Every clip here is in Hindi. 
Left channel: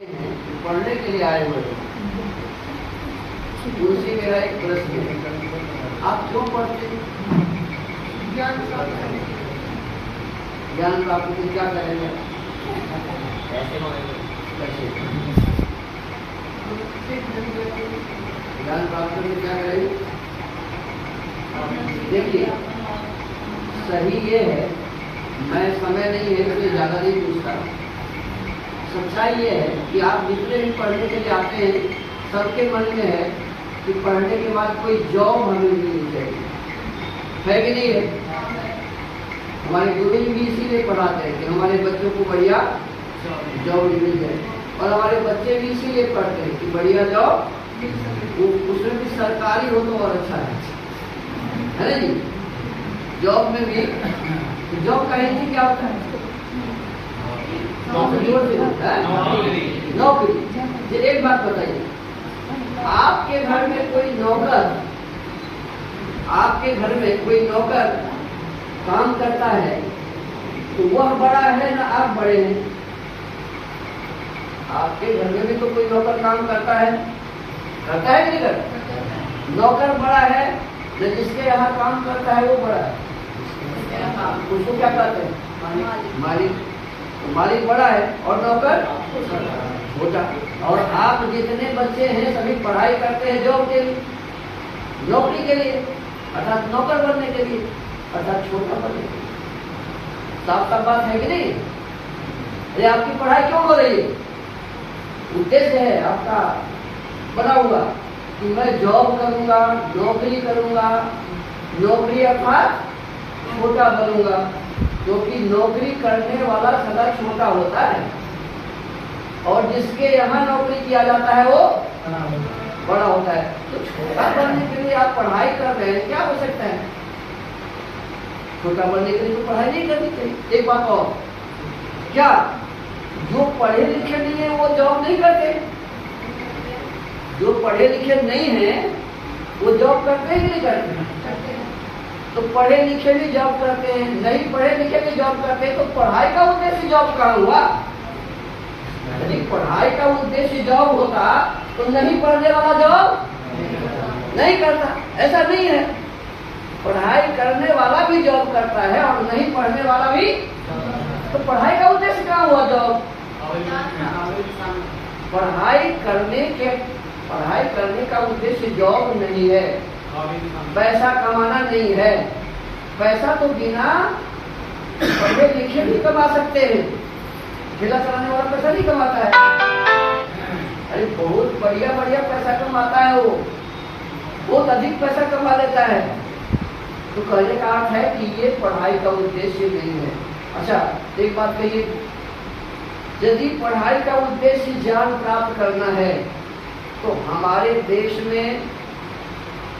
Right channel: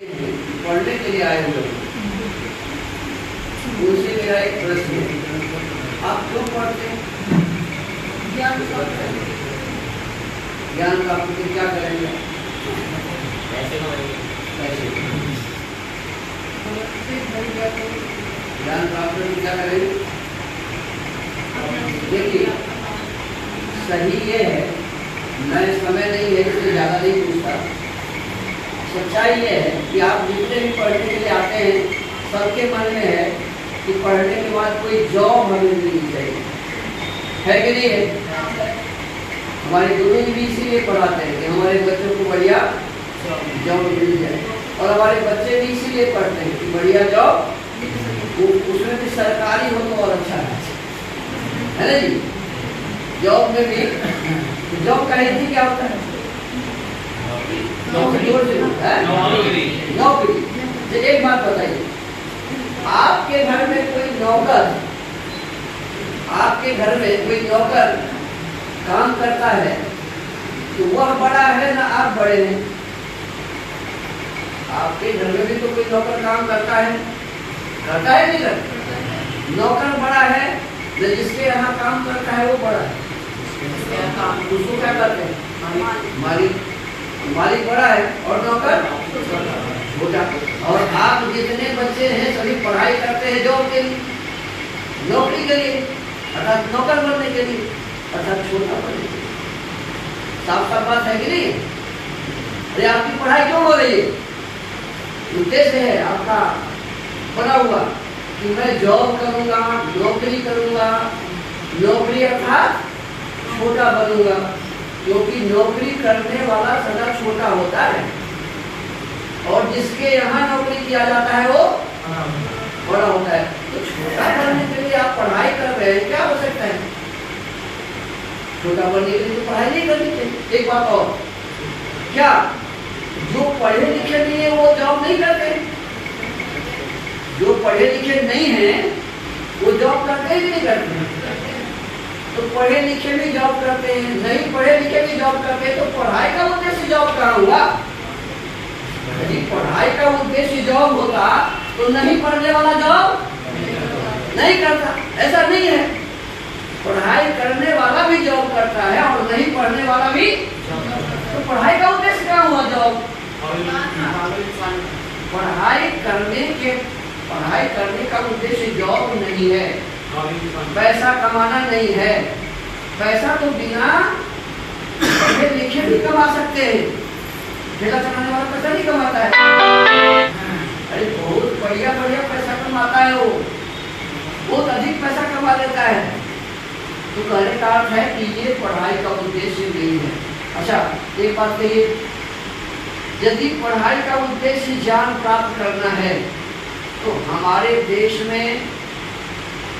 पढ़ने के लिए आए हुए हैं। उनसे मेरा एक प्रश्न है, आप क्यों पढ़ते हैं? ज्ञान प्राप्त के क्या करेंगे? पैसे ज्ञान प्राप्त के क्या करेंगे? देखिए, सही ये है, मैं समय नहीं है इसलिए ज़्यादा नहीं पूछता। सच्चाई ये है कि आप जितने भी पढ़ने के लिए आते हैं, सबके मन में है कि पढ़ने के बाद कोई जॉब हमें मिलनी चाहिए, है कि नहीं है? हमारे गुरु भी इसीलिए पढ़ाते हैं कि हमारे बच्चों को बढ़िया जॉब मिल जाए, और हमारे बच्चे भी इसीलिए पढ़ते हैं कि बढ़िया जॉब, उसमें भी सरकारी हो तो और अच्छा है ना जी? जॉब में भी, जॉब का हिंदी क्या होता है? नौकरी। तो एक बात बताइए, आपके घर में कोई नौकर काम करता है तो वह बड़ा है ना आप बड़े हैं? आपके घर में भी तो कोई नौकर काम करता है नहीं करता? नौकर बड़ा है तो जिसके यहाँ काम करता है वो बड़ा है, उसको क्या कहते हैं? मालिक बड़ा है और नौकर छोटा। और आप जितने बच्चे हैं सभी पढ़ाई करते हैं जॉब के लिए, नौकरी के लिए, अर्थात नौकर बनने के लिए, अर्थात छोटा बनने के लिए। साफ साफ बात है कि नहीं? अरे आपकी पढ़ाई क्यों हो रही है? उद्देश्य है आपका बना हुआ कि मैं जॉब करूंगा, नौकरी करूंगा, नौकरी अर्थात छोटा बनूंगा, क्योंकि नौकरी करने वाला सदा छोटा होता है और जिसके यहाँ नौकरी किया जाता है वो बड़ा होता है। तो छोटा बनने के लिए आप पढ़ाई कर रहे हैं, क्या हो सकता है? छोटा बनने के लिए तो पढ़ाई नहीं करनी चाहिए। एक बात और, क्या जो पढ़े लिखे नहीं है वो जॉब नहीं करते? जो पढ़े लिखे नहीं है वो जॉब करते ही नहीं करते। तो पढ़े लिखे भी जॉब करते हैं, नहीं पढ़े लिखे भी जॉब करते हैं, तो पढ़ाई का उद्देश्य जॉब कहाँ हुआ? यदि पढ़ाई का उद्देश्य जॉब होता तो नहीं पढ़ने वाला जॉब नहीं करता। ऐसा नहीं है, पढ़ाई करने वाला भी जॉब करता है और नहीं पढ़ने वाला भी। तो पढ़ाई का उद्देश्य क्या हुआ? जॉब। पढ़ाई करने का उद्देश्य जॉब नहीं है, पैसा कमाना नहीं है। पैसा तो बिना पढ़े लिखे भी कमा सकते हैं। ठेला चलाने वाला पैसा नहीं कमाता है? अरे बहुत बढ़िया पैसा कमाता है, वो बहुत अधिक पैसा कमा लेता है। तो कहने का अर्थ है कि ये पढ़ाई का उद्देश्य नहीं है। अच्छा, एक बात कहिए, यदि पढ़ाई का उद्देश्य ज्ञान प्राप्त करना है तो हमारे देश में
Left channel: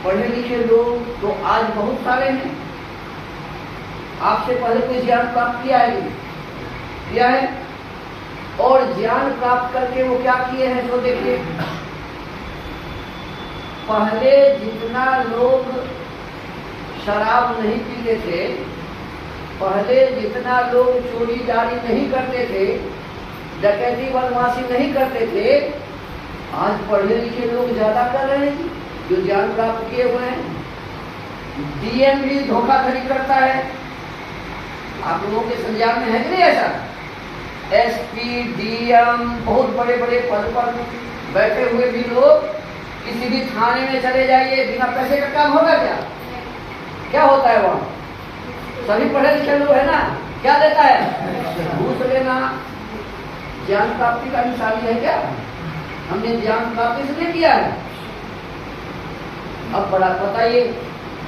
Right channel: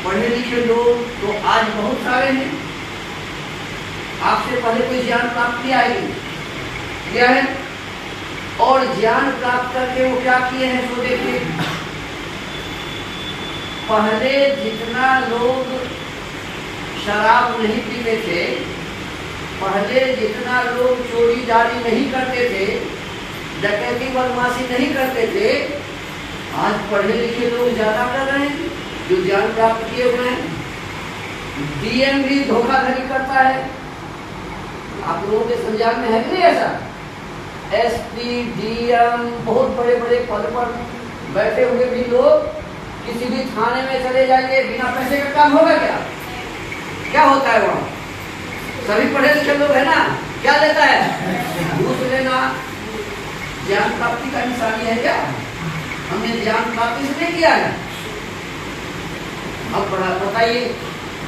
पढ़े लिखे लोग तो आज बहुत सारे हैं। आपसे पहले कोई ज्ञान प्राप्त किया है, और ज्ञान प्राप्त करके वो क्या किए हैं तो देखिए, पहले जितना लोग शराब नहीं पीते थे, पहले जितना लोग चोरी जारी नहीं करते थे, डकैती बदमाशी नहीं करते थे, आज पढ़े लिखे लोग ज्यादा कर रहे हैं जो ज्ञान प्राप्त किए हुए हैं। डीएम भी धोखाधड़ी करता है, आप लोगों के संज्ञान में है कि नहीं ऐसा? एसपी, डीएम, बहुत बड़े बड़े पद पर बैठे हुए भी लोग किसी भी थाने में चले जाइए, बिना पैसे का काम होगा क्या? क्या होता है वहाँ? सभी पढ़े लिखे लोग है ना, क्या लेता है? घूस लेना ज्ञान प्राप्ति का निशानी है क्या? हमने ज्ञान प्राप्ति से नहीं किया है। अब बड़ा बताइए,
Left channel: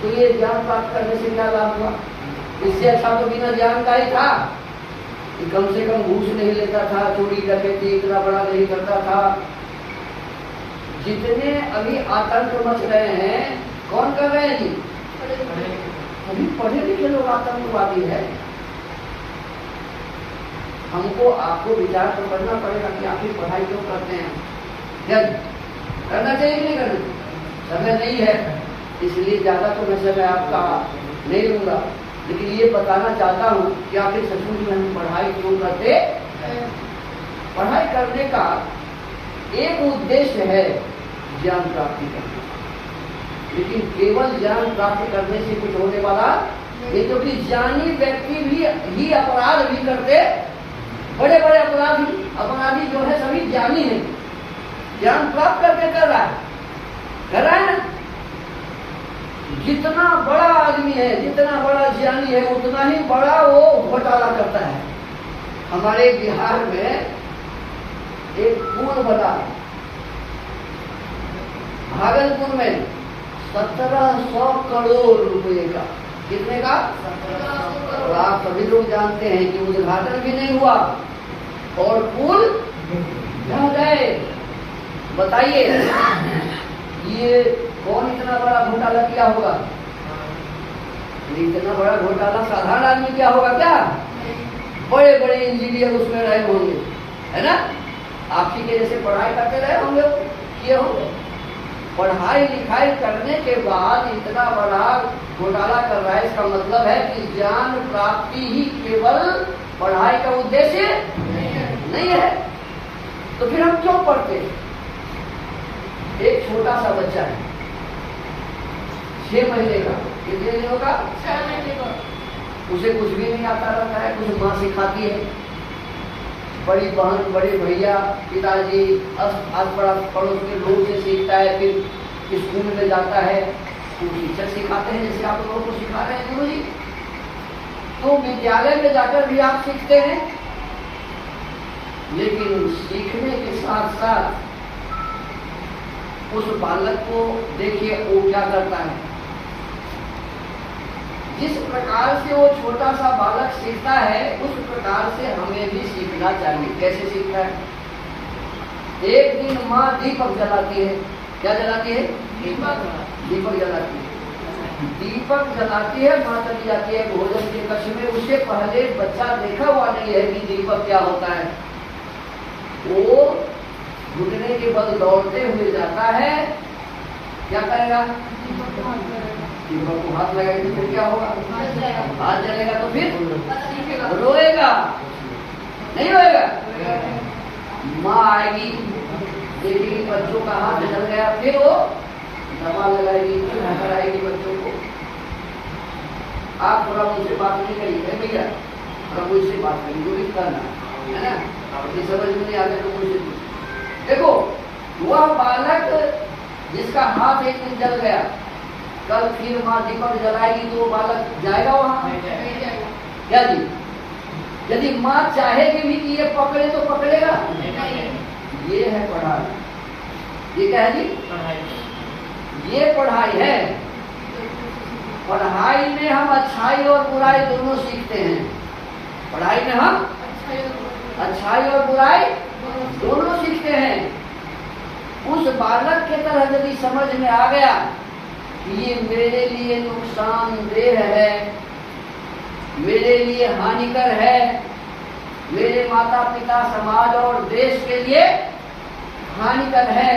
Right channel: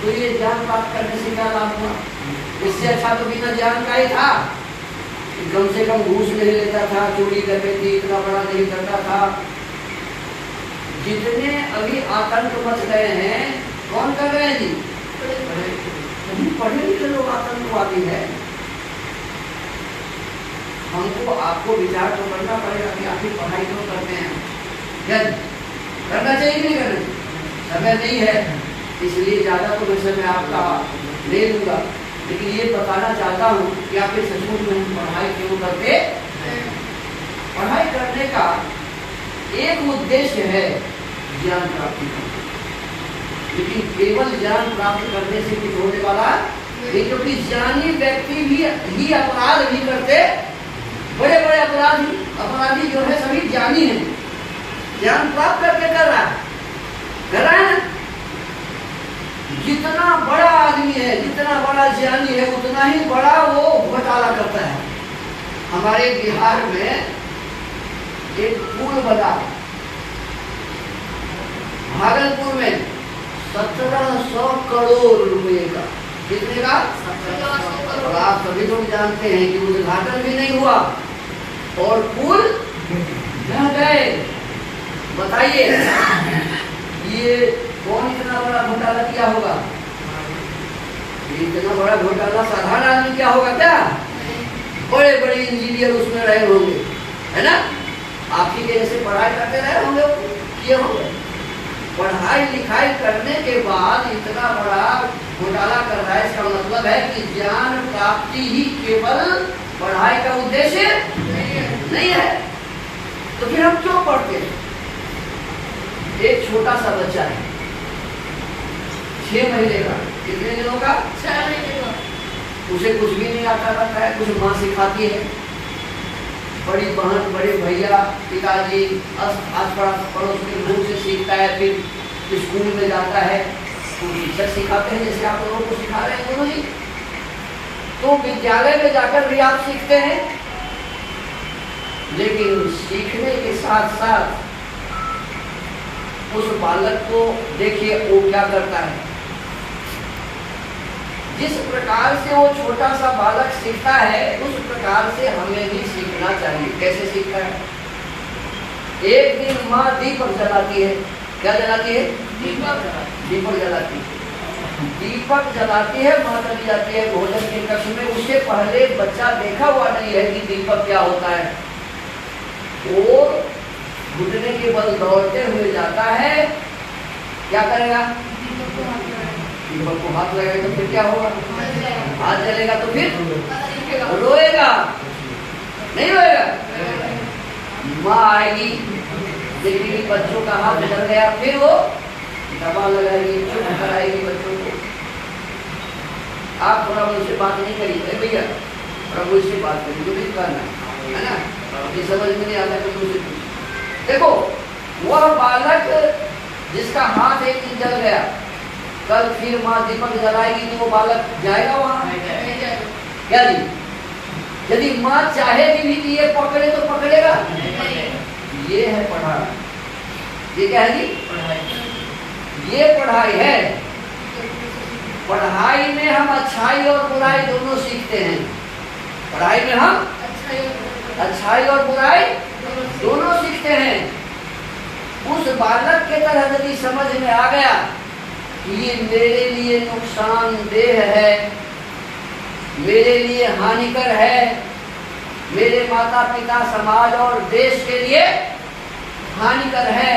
तो ये ज्ञान प्राप्त करने से क्या लाभ हुआ? इससे अच्छा तो बिना ज्ञान का ही था, कम से कम घूस नहीं लेता था, चोरी डकैती इतना बड़ा नहीं करता था। जितने अभी आतंक मच रहे हैं, कौन कर रहे हैं जी? अभी पढ़े लिखे लोग आतंकवादी है। हमको आपको विचार तो करना पड़ेगा कि आप ही पढ़ाई क्यों करते हैं, क्या करना चाहिए कि नहीं करना? समय नहीं है इसलिए ज्यादा तो समय आपका नहीं लूंगा, लेकिन ये बताना चाहता हूँ कि आखिर सचमुच में हम पढ़ाई क्यों करते? पढ़ाई करने का एक उद्देश्य है ज्ञान प्राप्ति करना, लेकिन केवल ज्ञान प्राप्त करने से कुछ होने वाला नहीं, क्योंकि ज्ञानी व्यक्ति भी अपराध भी करते, बड़े बड़े अपराधी जो है सभी ज्ञानी हैं, ज्ञान प्राप्त करके कर रहा है ना। जितना बड़ा आदमी है, जितना बड़ा ज्ञानी है, उतना ही बड़ा वो घोटाला करता है। हमारे बिहार में एक पुल बना भागलपुर में 1700 करोड़ रुपए का। कितने का? 1700 करोड़। और आप सभी लोग जानते हैं कि उद्घाटन भी नहीं हुआ और पुल ढह गए। बताइए ये कौन इतना बड़ा घोटाला किया होगा? इतना बड़ा घोटाला साधारण आदमी क्या होगा क्या? बड़े बड़े इंजीनियर उसमें रहे होंगे, है ना? आप ही के जैसे पढ़ाई करते रहे होंगे, किए होंगे। पढ़ाई लिखाई करने के बाद इतना बड़ा घोटाला कर रहा है, इसका मतलब है कि ज्ञान प्राप्ति ही केवल पढ़ाई का उद्देश्य नहीं है। तो फिर हम क्यों पढ़ते हैं? एक छोटा सा बच्चा है, 6 महीने का, कितने दिनों का? 6 महीने का। उसे कुछ भी नहीं आता रहता है, कुछ माँ सिखाती है, बड़ी बहन, बड़े भैया, पिताजी, आस पड़ोस के लोग से सीखता है, फिर स्कूल में जाता है, तो टीचर सिखाते हैं जैसे आप लोगों को सिखा रहे हैं गुरु जी। तो विद्यालय में जाकर भी आप सीखते हैं, लेकिन सीखने के साथ साथ उस बालक को देखिए वो क्या करता है। जिस प्रकार से वो छोटा सा बालक सीखता है, उस प्रकार से हमें भी सीखना चाहिए। कैसे सीखता है? एक दिन माँ दीपक जलाती है। क्या जलाती है? दीपक जलाती है। दीपक जलाती है, माँ चली जाती है भोजन के कक्ष में। उससे पहले बच्चा देखा हुआ नहीं है कि दीपक क्या होता है। वो घुटने के बल दौड़ते हुए जाता है, क्या करेगा? दीपक को हाथ लगाएगा तो फिर क्या होगा? हाथ जलेगा तो फिर रोएगा, नहीं रोएगा? माँ आएगी, देखेगी बच्चों का हाथ जल गया, फिर वो दवा लगाएगी, चुप कराएगी बच्चों को। आप थोड़ा मुझसे बात नहीं करिए भैया, थोड़ा मुझसे बात करिए, जो भी करना है ना। ये समझ में नहीं आता तो मुझसे देखो, वह बालक जिसका हाथ एक दिन जल गया, कल फिर माँ दीपक जलाएगी तो वो बालक जाएगा वहां? क्या जी? यदि माँ चाहेगी भी कि ये पकड़े तो पकड़ेगा? ये है पढ़ाई। ये क्या है जी? ये पढ़ाई है। पढ़ाई में हम अच्छाई और बुराई दोनों सीखते हैं। पढ़ाई में हम अच्छाई और बुराई दोनों सीखते हैं। उस बालक के तरह यदि समझ में आ गया ये मेरे लिए नुकसानदेह है, मेरे लिए हानिकर है, मेरे माता पिता, समाज और देश के लिए हानिकर है,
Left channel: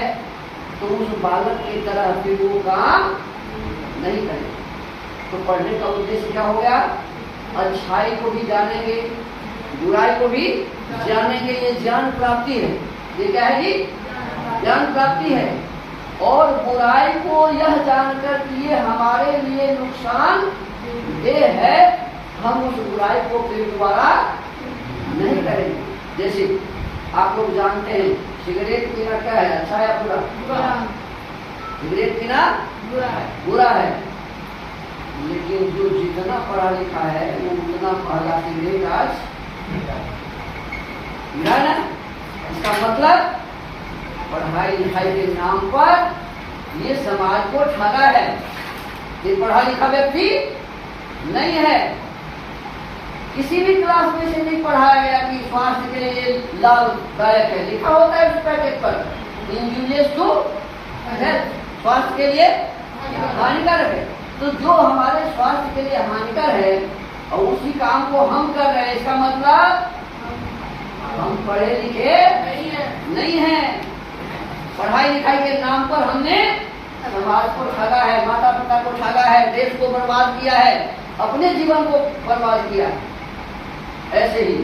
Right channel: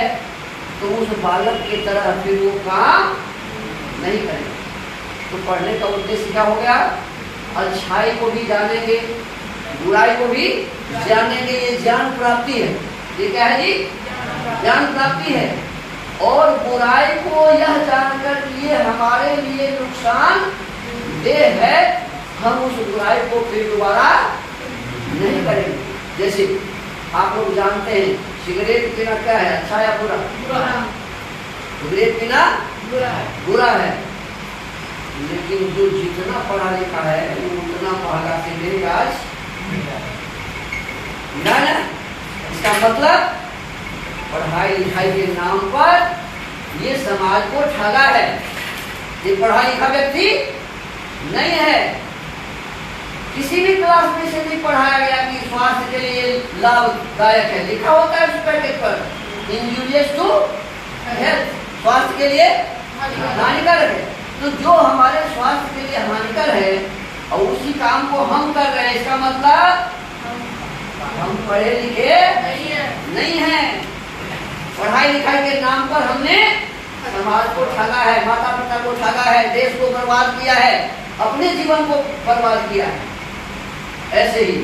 तो उस बालक की तरह फिर वो काम नहीं करेगा। तो पढ़ने का उद्देश्य क्या हो गया? अच्छाई को भी जानेंगे, बुराई को भी जानेंगे। ये ज्ञान प्राप्ति है। ये क्या है जी? ज्ञान प्राप्ति है। और बुराई को यह जानकर कि ये हमारे लिए नुकसान देह है, हम उस बुराई को फिर दोबारा नहीं करेंगे। जैसे आप लोग जानते हैं सिगरेट पीना क्या है? अच्छा या बुरा? सिगरेट पीना बुरा है। लेकिन जो जितना पढ़ा लिखा है वो उतना महंगा सिगरेट आज ना। इसका मतलब पढ़ाई लिखाई के नाम पर ये समाज को ठगा है। ये पढ़ा लिखा व्यक्ति नहीं है। किसी भी क्लास में से नहीं पढ़ाया गया कि स्वास्थ्य के लिए लाभदायक है। लिखा होता है उस पैकेट पर इंजूरियस टू हेल्थ, स्वास्थ्य के लिए हानिकारक है। तो जो हमारे स्वास्थ्य के लिए हानिकर है और उसी काम को हम कर रहे हैं, इसका मतलब हम पढ़े लिखे नहीं है। पढ़ाई लिखाई के नाम पर हमने समाज को ठगा है, माता पिता को ठगा है, देश को बर्बाद किया है, अपने जीवन को बर्बाद किया है। ऐसे ही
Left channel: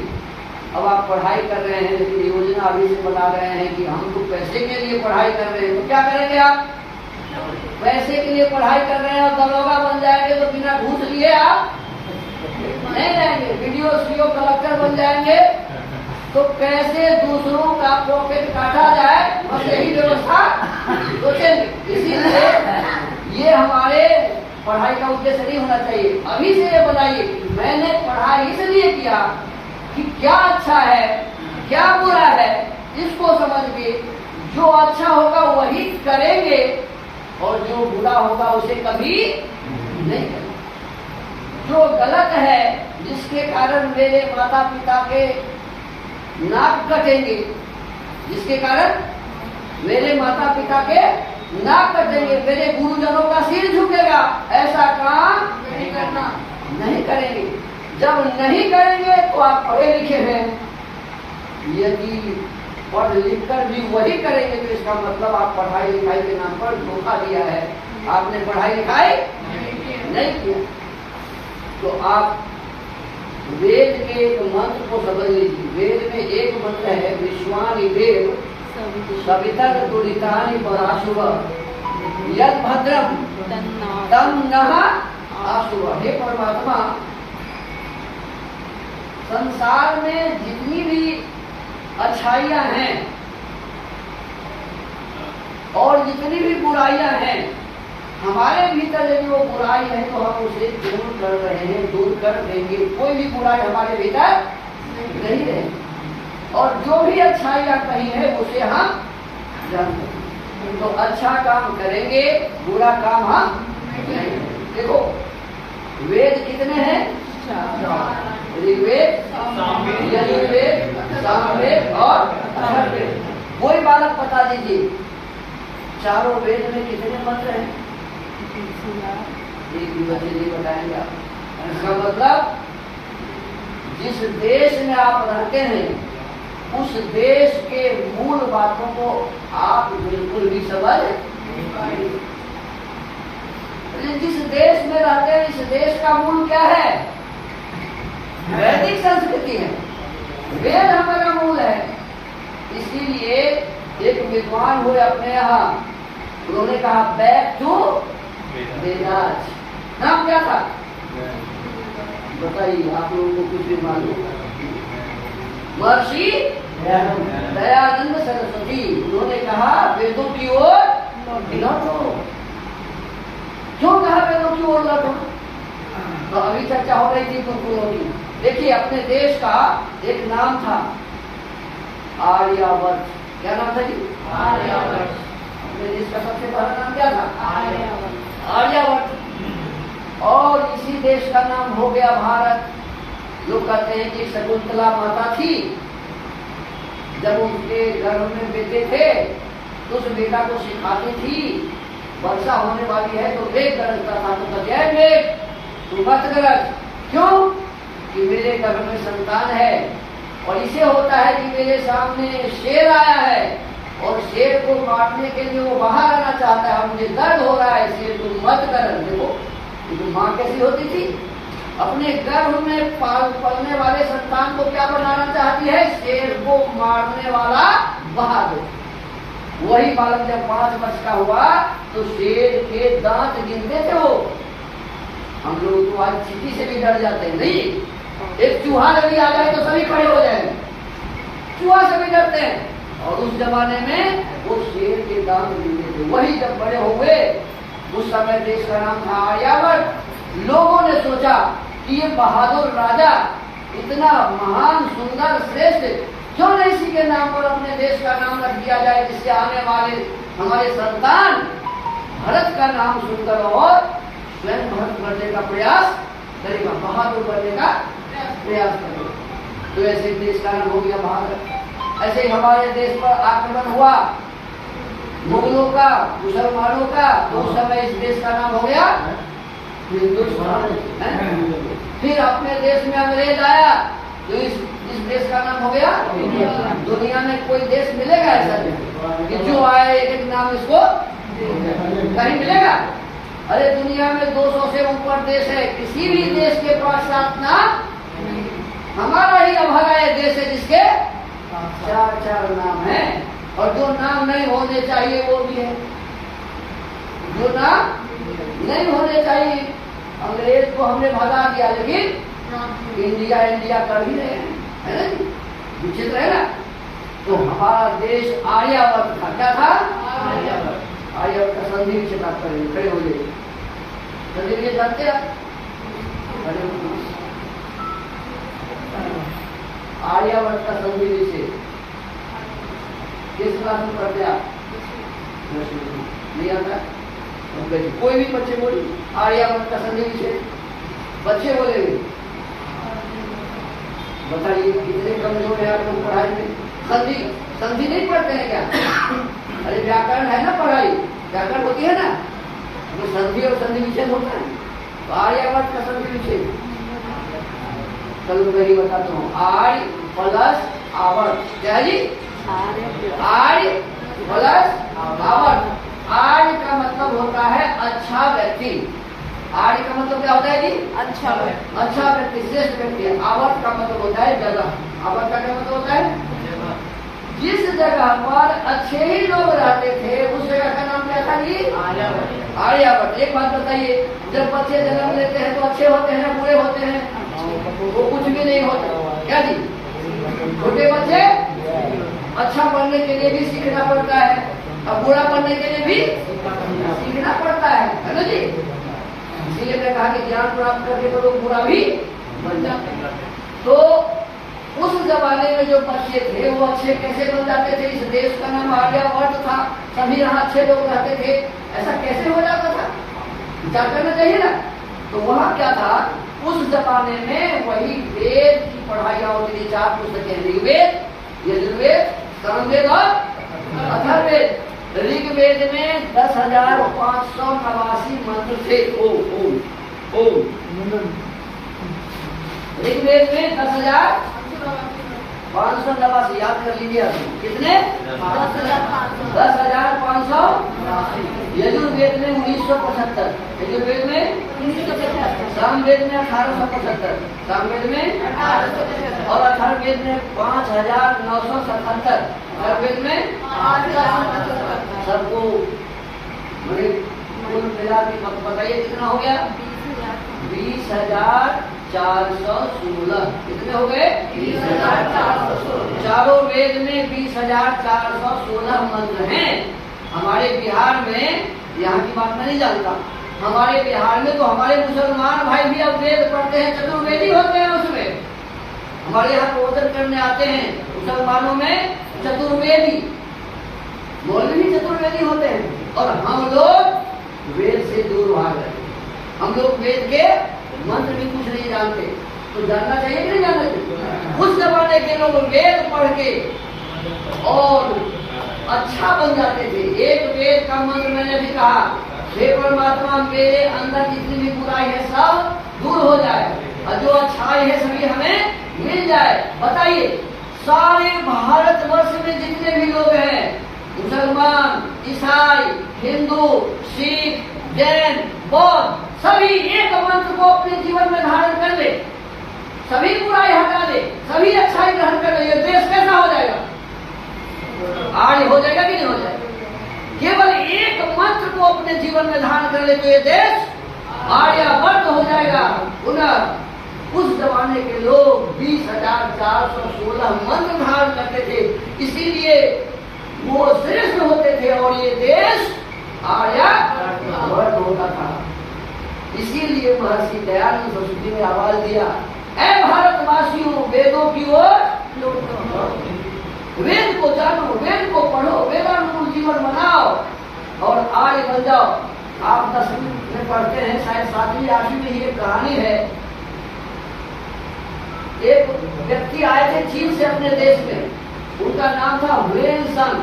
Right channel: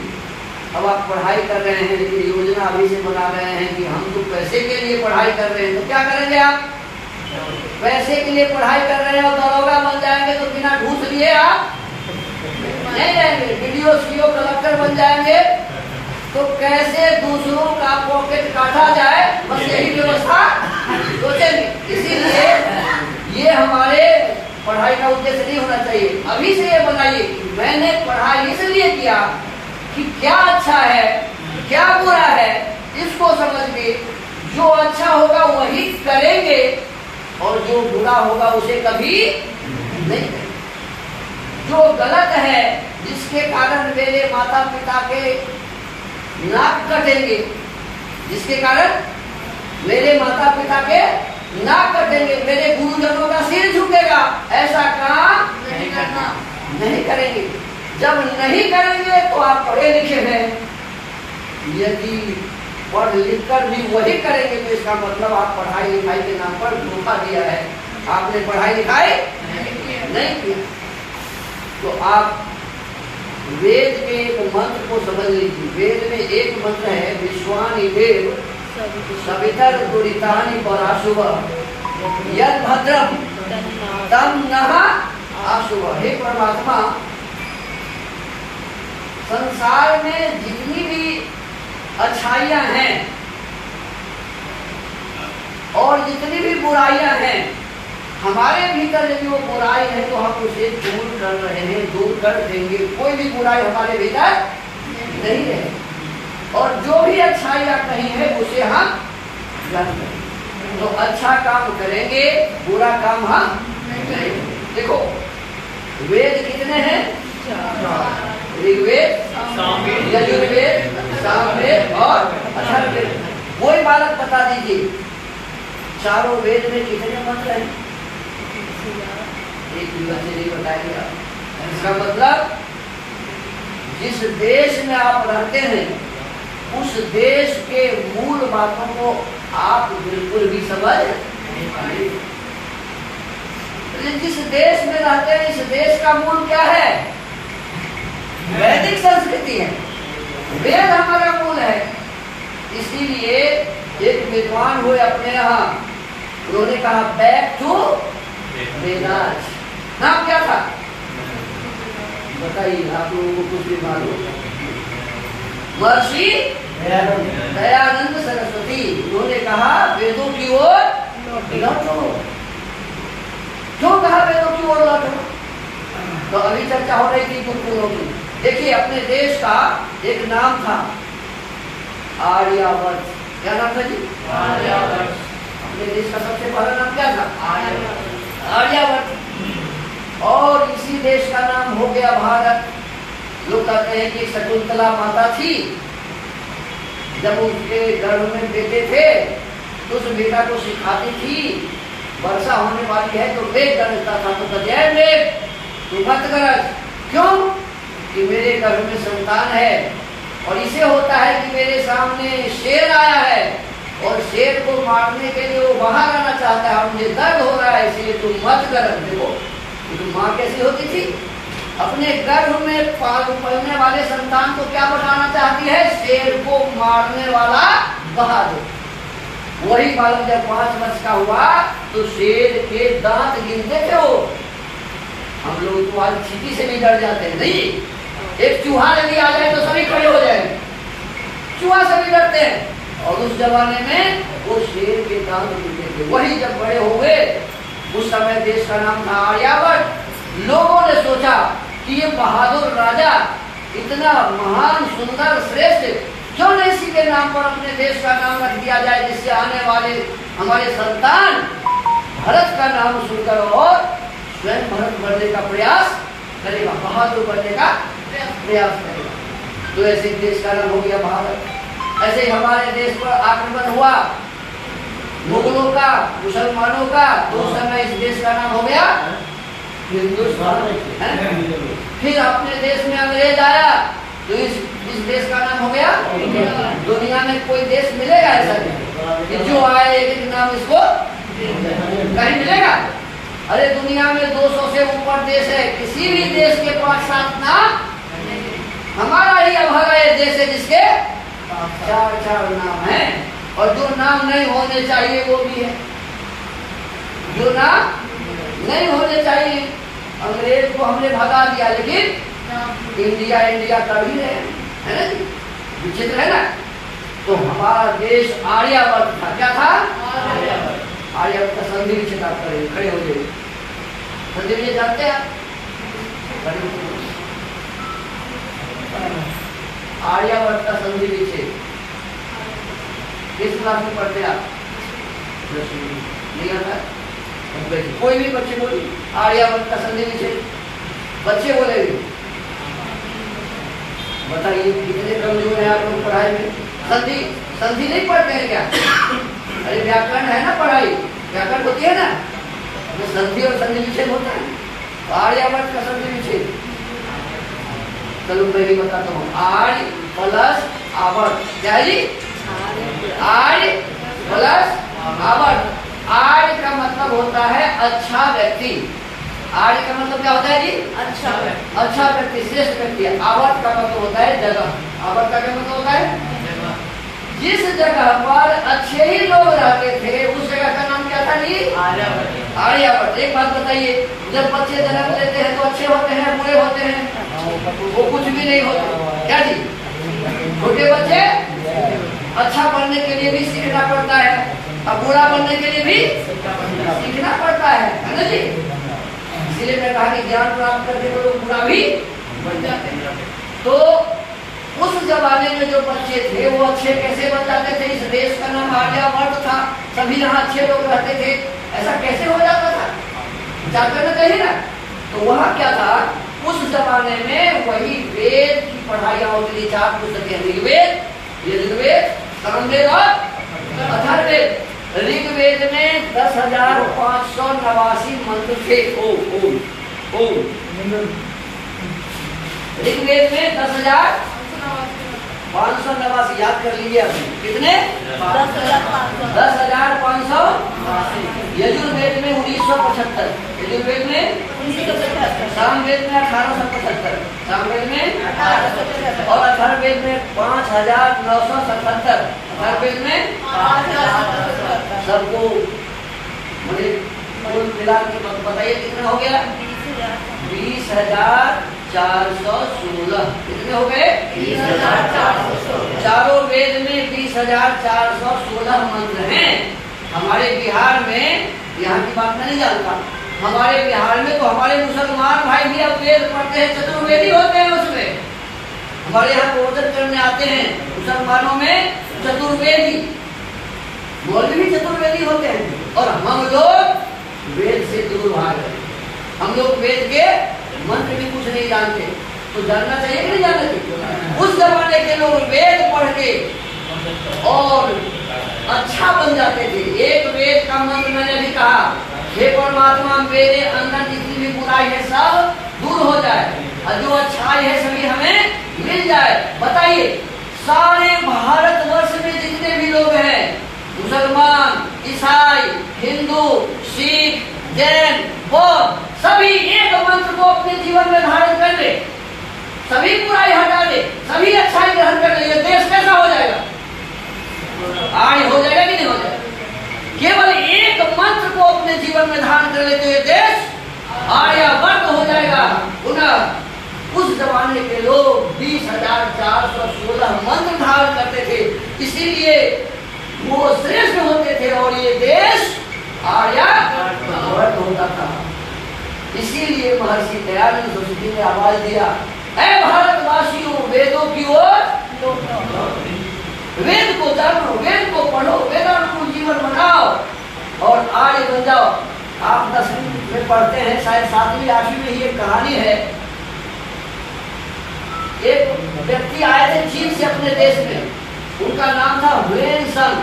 अब आप पढ़ाई कर रहे हैं लेकिन योजना अभी से बना रहे हैं कि हम तो पैसे पैसे के लिए पढ़ाई कर रहे हैं तो क्या करेंगे आप? पैसे के लिए पढ़ाई कर रहे हैं और दरोगा बन जाएंगे तो बिना घूस लिए आप नहीं रहेंगे। वीडियो सीओ कलेक्टर बन जाएंगे तो कैसे दूसरों का पॉकेट काटा जाए, बस यही व्यवस्था सोचेंगे। इसीलिए ये हमारे पढ़ाई का उद्देश्य नहीं होना चाहिए। अभी से ये बताइए कि मैंने पढ़ाई इसलिए किया कि क्या अच्छा है क्या बुरा है इसको समझ के जो अच्छा होगा वही करेंगे और जो बुरा होगा उसे कभी नहीं करेंगे। जो गलत है जिसके कारण मेरे माता पिता के नाक कटेंगे, जिसके कारण मेरे माता पिता के नाक कटेंगे, मेरे गुरुजनों का सिर झुकेगा, ऐसा काम नहीं करना, नहीं करेंगे। जब नहीं करेंगे तो आप पढ़े लिखे हैं, यदि पढ़ लिख कर भी वही करेंगे तो इसका मतलब आप पढ़ाई लिखाई के नाम पर धोखा दिया है, आपने पढ़ाई लिखाई नहीं किया। तो आप वेद के एक मंत्र को समझ लीजिए। वेद में एक मंत्र है, विश्वानि देव सवितर दुरितानि पराशुभ यद भद्रम तम नः आशुभ। हे परमात्मा, संसार में जितनी भी अच्छाइयां हैं और जितनी भी बुराइयां हैं, हमारे भीतर यदि वो बुराई है तो हम उसे दूर कर रहे हैं, दूर कर देंगे। कोई भी बुराई हमारे भीतर नहीं है और जो भी अच्छाइयां कहीं है उसे हम जानते हैं। तो अच्छा काम करेंगे, बुरा काम हम करेंगे। देखो वेद कितने हैं? ऋग्वेद, यजुर्वेद, सामवेद और अथर्ववेद। वही बालक बता दीजिए चारों वेद में कितने मंत्र हैं? एक भी बच्चे नहीं बताएंगे आप। इसका मतलब जिस देश में आप रहते हैं उस देश के मूल बातों को आप बिल्कुल भी समझ नहीं पाएंगे। जिस देश में रहते हैं इस देश का मूल क्या है? वैदिक संस्कृति है, वेद हमारा मूल है। इसीलिए एक विद्वान हुए अपने यहाँ, उन्होंने कहा बैक टू वेदास। नाम क्या था बताइए आप लोगों को? कुछ भी मालूम? महर्षि दयानंद सरस्वती। उन्होंने कहा वेदों की ओर लौटो। क्यों कहा वेदों की ओर लौटो? तो अभी चर्चा हो रही थी गुरुकुलों की। देखिए अपने देश का एक नाम था आर्यावर्त। क्या नाम था जी? आर्यावर्त। अपने देश का सबसे बड़ा नाम क्या था? आर्यावर्त। और इसी देश का नाम हो गया भारत। लोग कहते हैं कि शकुंतला माता थी, जब उसके गर्भ में बेटे थे तो उस बेटा को सिखाती थी वर्षा होने वाली है तो मेघ गरजता था तो जय मेघ तू मत गरज। क्यों? कि मेरे गर्भ में संतान है और इसे होता है कि मेरे सामने शेर आया है और शेर को मारने के लिए वो बाहर आना चाहता है और मुझे दर्द हो रहा है, इसलिए तुम मत गरज। देखो तो माँ कैसी होती थी? अपने गर्भ में पलने वाले संतान को क्या बनाना चाहती है? शेर को मारने वाला बहादुर। वही बालक जब 5 वर्ष का हुआ तो शेर के दांत गिनते थे वो। हम लोग तो आज चींटी से भी डर जाते हैं। नहीं, एक चूहा यदि आ जाए तो सभी खड़े हो जाएंगे, चूहा से भी डरते हैं। और उस जमाने में वो शेर के दांत गिनते थे। वही जब बड़े हो गए, उस समय देश का नाम था आर्यावर्त। लोगों ने सोचा कि ये बहादुर राजा इतना महान सुंदर श्रेष्ठ, क्यों नहीं इसी के नाम पर अपने देश का नाम रख दिया जाए, जिससे आने वाले हमारे संतान भरत का नाम सुनकर और स्वयं भरत बनने का प्रयास करेगा, बहादुर बनने का प्रयास करेगा। तो ऐसे देश का नाम हो गया भारत। ऐसे हमारे देश पर आक्रमण हुआ मुगलों का, मुसलमानों का, तो उस समय इस देश का नाम हो गया हिंदुस्तान। फिर अपने देश में अंग्रेज आया तो इस देश का नाम हो गया दुनिया में कोई देश मिलेगा ऐसा नहीं कि जो आए एक नाम इसको कहीं मिलेगा? अरे दुनिया में 200 से ऊपर देश है, किसी भी देश के पास 7 नाम, हमारा ही अभागा देश है जिसके 4 नाम है। और जो नाम नहीं होने चाहिए वो भी है, जो नाम नहीं होने चाहिए। अंग्रेज को हमने भगा दिया, लेकिन इंडिया इंडिया कर ही रहे हैं, है ना जी? विचित्र है ना। तो हमारा देश आर्यावर्त था। क्या था? आर्यावर्त का संधि विच्छेद आप करेंगे, खड़े हो जाइए। संधि विच्छेद जानते हैं? आर्यावर्त का संधि विच्छेद किस क्लास में पढ़ते हैं आप? नहीं आता है? कोई भी बच्चे बोलिए आर्यावर्त का संधि विच्छेद, बच्चे बोलेंगे। बताइए कितने कमजोर है आप लोग पढ़ाई में। संधि संधि नहीं पढ़ते हैं क्या? अरे व्याकरण है ना, पढ़ाई व्याकरण होती है ना, वो संधि और संधि विच्छेद होता है। आर्यावर्त का संधि विच्छेद चलो मैं ही बताता हूँ। आर्य प्लस आवर्त, क्या जी? आर्य प्लस आवर्त। आर्य का मतलब होता है अच्छा व्यक्ति। आर्य का मतलब क्या होता है जी? अच्छा व्यक्ति, अच्छा व्यक्ति, श्रेष्ठ व्यक्ति। आवर्त का मतलब होता है जगह। आवर्त का क्या मतलब होता है? जिस जगह पर अच्छे ही लोग रहते थे उस जगह का नाम क्या था जी? आर्यावर्त। आर्यावर्त। एक बात बताइए, जब बच्चे जन्म लेते हैं तो अच्छे होते हैं, बुरे होते हैं? वो कुछ भी नहीं होते, क्या जी? छोटे बच्चे अच्छा बनने के लिए भी सीखना पड़ता है, अब बुरा बनने के लिए भी सीखना पड़ता है ना जी? इसीलिए मैं कहा कि ज्ञान प्राप्त करके तो लोग बुरा भी बन जाते हैं। तो उस जमाने में जो बच्चे थे वो अच्छे कैसे बन जाते थे? इस देश का नाम आर्यावर्त था, सभी यहाँ अच्छे लोग रहते थे, ऐसा कैसे हो जाता था? विचार करना चाहिए ना। तो वहाँ क्या था, उस जमाने में वही वेद की पढ़ाई होती थी। 4 पुस्तकें, ऋग्वेद, यजुर्वेद, सामवेद और अथर्ववेद। ऋग्वेद में 10,589 मंत्र थे। ओम ओम ऋग्वेद में 10,589 याद कर लीजिए आप। कितने? 10,500। यजुर्वेद में 1975, यजुर्वेद में सामवेद में 1875, सामवेद में और अथर्ववेद में 5,977, अथर्ववेद में सबको कुल मिला के बताइए कितना हो गया? 20,416। कितने हो गए? 20,416। चारों वेद में 20,416 मंत्र हैं। हमारे बिहार में, यहाँ की बात मैं नहीं जानता, हमारे बिहार में तो हमारे मुसलमान भाई भी अब वेद पढ़ते हैं, चतुर्वेदी होते हैं उसमें। हमारे यहाँ प्रवचन करने आते हैं मुसलमानों में चतुर्वेदी, मौलवी भी चतुर्वेदी होते हैं। और हम लोग वेद से दूर भाग रहे हैं। हम लोग वेद के मंत्र भी कुछ नहीं जानते। तो जानना चाहिए कि नहीं जानना चाहिए? उस जमाने के लोग वेद पढ़ के और अच्छा बन जाते थे। एक वेद का मंत्र मैंने भी कहा, हे परमात्मा मेरे अंदर जितनी भी बुराई है सब दूर हो जाए और जो अच्छाई है सभी हमें मिल जाए। बताइए सारे भारतवर्ष में जितने भी लोग हैं, मुसलमान, ईसाई, हिंदू, सिख, जैन, बौद्ध, सभी एक मंत्र को अपने जीवन में धारण कर ले, सभी बुराई हटा दे, सभी अच्छाई ग्रहण कर ले, ये देश कैसा हो जाएगा? आर्य हो जाएगा कि नहीं हो जाएगा? केवल एक मंत्र को अपने जीवन में धारण कर ले तो ये देश आर्यावर्त हो जाएगा। पुनः उस जमाने के लोग 20,416 मंत्र धारण करते थे, इसीलिए वो श्रेष्ठ होते थे और ये देश आर्यावर्त होता था। इसीलिए महर्षि दयानंद सरस्वती ने आवाज दिया, ऐ भारतवासियों वेदों की ओर, वेद को जानो, वेद को पढ़ो, वेदानुकूल जीवन बनाओ और आर्य बन जाओ। आप 10वीं में पढ़ते हैं, शायद 7वीं 8वीं में ये कहानी है। एक व्यक्ति आए थे चीन से अपने देश में, उनका नाम था हुएनसांग।